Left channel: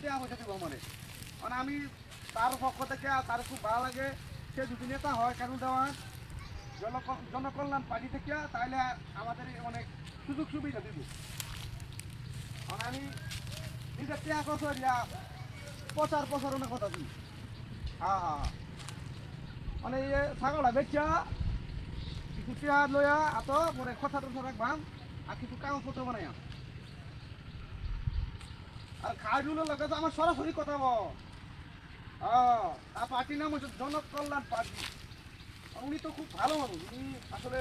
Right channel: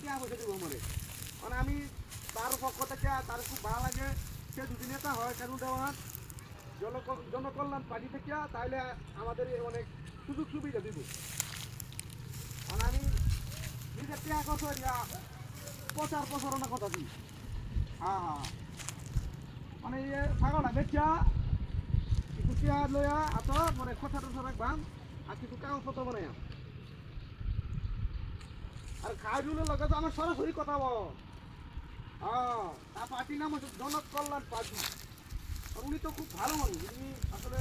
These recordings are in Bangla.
টিয়া পয়সা দিব মানে আমি তার পক্ষ থেকে তার খুব ভালো লাগে সে যদি নেতা হয় কেন দেওয়ার জনকল্যাণ পার্টি থেকে তাহলে আমাদের অনেক সুযোগ সুবিধা দিব আমি নিজের টিয়া বছর প্রচার প্রচারণার কথা দিই হ্যাঁ হ্যাঁ মানে ছাগলটা বেচা কিছু টিয়া লইয়া এত পরে খোঁচা টোচা রাখবাম আর কিছু কাগজপত্র বানাইয়াম আর খাওয়াগুলো লাগে তো আমার সরাসরি কথা বল তার পার্টির নাম হচ্ছে জনকল্যাণ পার্টি উনি তো খুব ভালো মানুষ উনি আসলে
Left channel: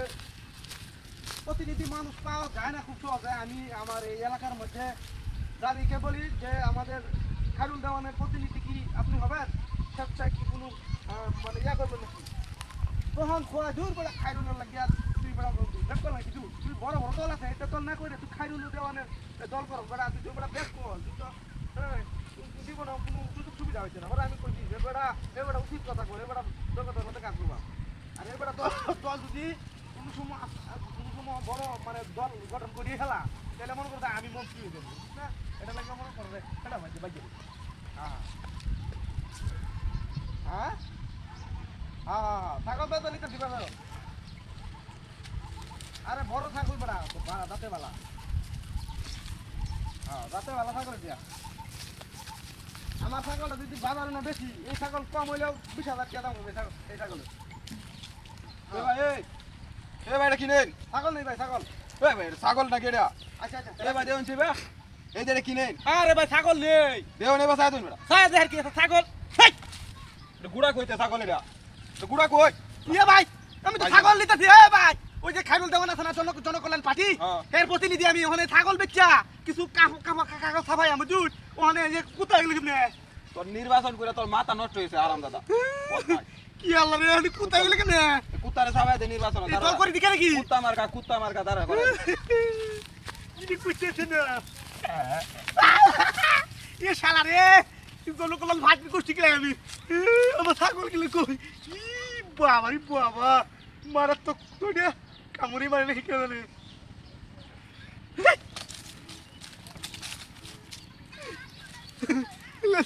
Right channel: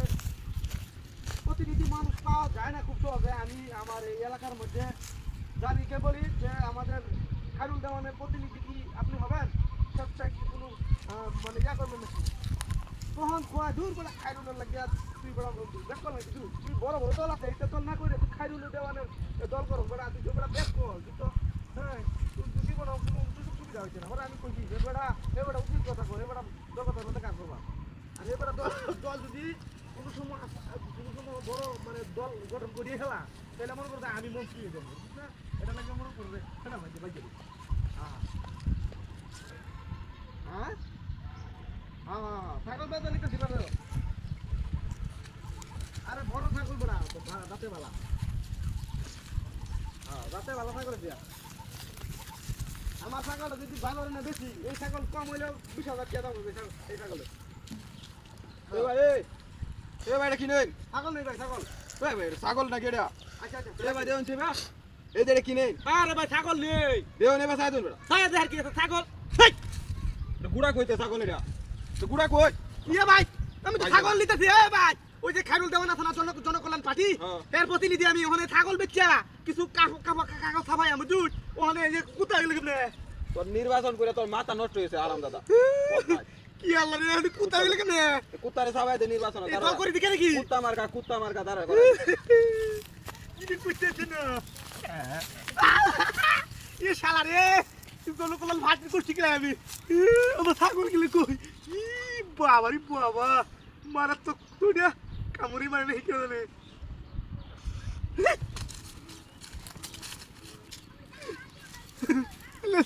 প্রতিনিধি মানুষ পাওয়া যায় না খুব সহজে আমি আমার এই এলাকার মধ্যে যাদেরকে বলি যে আমাদের খায়রুল দেওয়ানের প্রতিনিধি কি আপনি হবেন স্বেচ্ছায় কি কোনো মানে ইয়া করবেন নাকি তখন খোয়া দূর করে খায়রুলের লাগিয়া তুই বেড়া বেকল নাকি তুই বড় বড় দল আছে এটা দল না করে তুই খায়রুল দেওয়ানের দল করো বেড়া তুই যে বেড়া বেক কর তো হ্যাঁ তুই বড় কোনো সুযোগ সুবিধা হয়েছে না ওরা আমি কইছি যে বেড়া এ বেড়া উচিত কথা কই এ বেড়া জগতের মধ্যে কাজ করবা আর এ বেড়া দল যদি কোনো সময় বড় মানে দল গঠন করিয়ে খেলা তাহলে মনে করবে আমি মন্ত্রী হয়ে যাবো না এটা লাগে মনে করবে খেলা ভাই বাজে হ্যাঁ হ্যাঁ হ্যাঁ হ্যাঁ ছাগল বেতন নিতে দিবা আরে বড় ছাগল বেড়া দাঁতে বালা হ্যাঁ দাঁতে বালা ছাগল দিয়া আমার ছাগলটা যদি বাজার না বেশি এই ছাগল কম হইলেও 20,000 টাকা দাম হবে এই ছাগলের ভাই এই ভাই কি নেই ছাগল নেই ভাই ছাগল ভাই ছাগল নাকি এটা আচ্ছা আচ্ছা ভাই দেউন ছিবা এই যে কি নেই আরে ভাই ছাগল নেই দেউন এবার সাইদুন বেটা সাইদ আর কি ছাগল হেই এটা গুড়া কইতে ছাগল এটা তো গুড়া কই ইয়ে ভাই আমি তো ছাগল নিতেছি এ ভাই ওই যে খায়রুল দেওয়ান আছে না জনকল্যাণ পার্টি এর প্রতিনিধি আমি ওখানে ছাগল বেচা কিছু কাগজ ছাপাই আমি দুধ ওখানে যে কুত্তা গেল কেমনে তোর নির্বাচন করে তোর মাথা নষ্ট হয়েছে আরাম দাদা কি আল্লাহ রে আমি কুত্তা গেল কেমনে কুত্তারে ছাপাই দে নির্বাচন দল করে দিকে নাকি কুত্তা মার্কা দাঁড়া করে কি কইতেছ না এ শালা রে জনকল্যাণ ভাত করছি কি আমি আমার ছাগল গেলে কই ই বাবা রে বাবা মারাত্মক তুই কামড়ি মারে নাকি কেন রে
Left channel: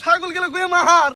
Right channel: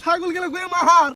ছাগল গেলে কই মার